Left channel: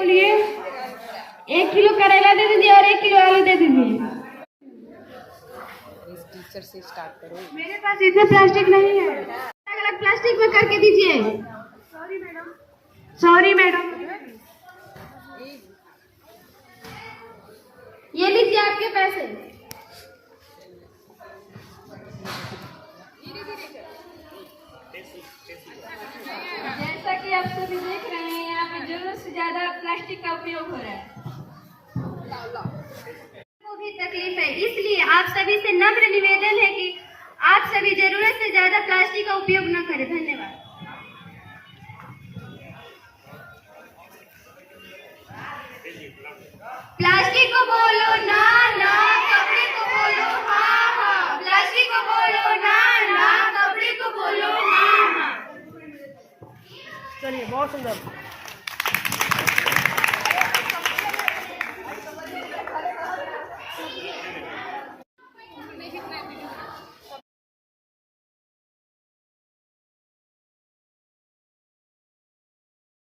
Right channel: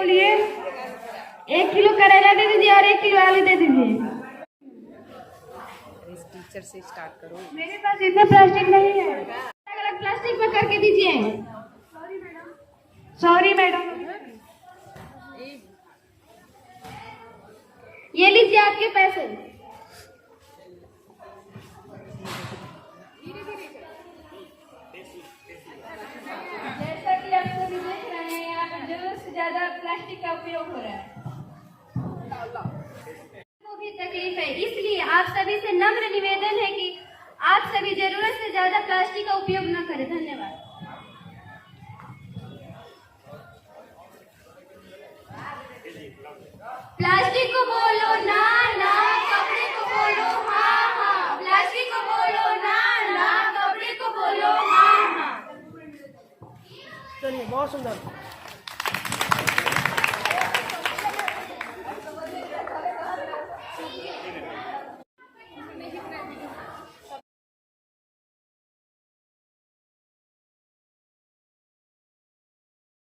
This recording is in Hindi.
बोलिए। 1 किलो करेला दे दीजिए और 1 किलो आलू दे दीजिए। इस टीचर से स्टार्ट करो। मेरे पास इतना प्लास्टिक नहीं है, अलग अलग प्लास्टिक में करके दीजिए। Sorry madam, sorry madam. ये लीजिए आपके पैसे। जैसा कि आप सभी देख रहे हैं, यहाँ पे जरूरत से ज्यादा प्लास्टिक का उपयोग हो रहा है, को भी तकलीफ है। इसलिए आप सभी से नम्र निवेदन है कि आप सभी जरूरत से ज्यादा प्लास्टिक का उपयोग न करें। धन्यवाद। प्लास्टिक को बोलो ना ना, कपड़े को बोलो हाँ हाँ। प्लास्टिक को बोलो ना ना, कपड़े को बोलो हाँ हाँ। चलिए, बहुत सुंदर।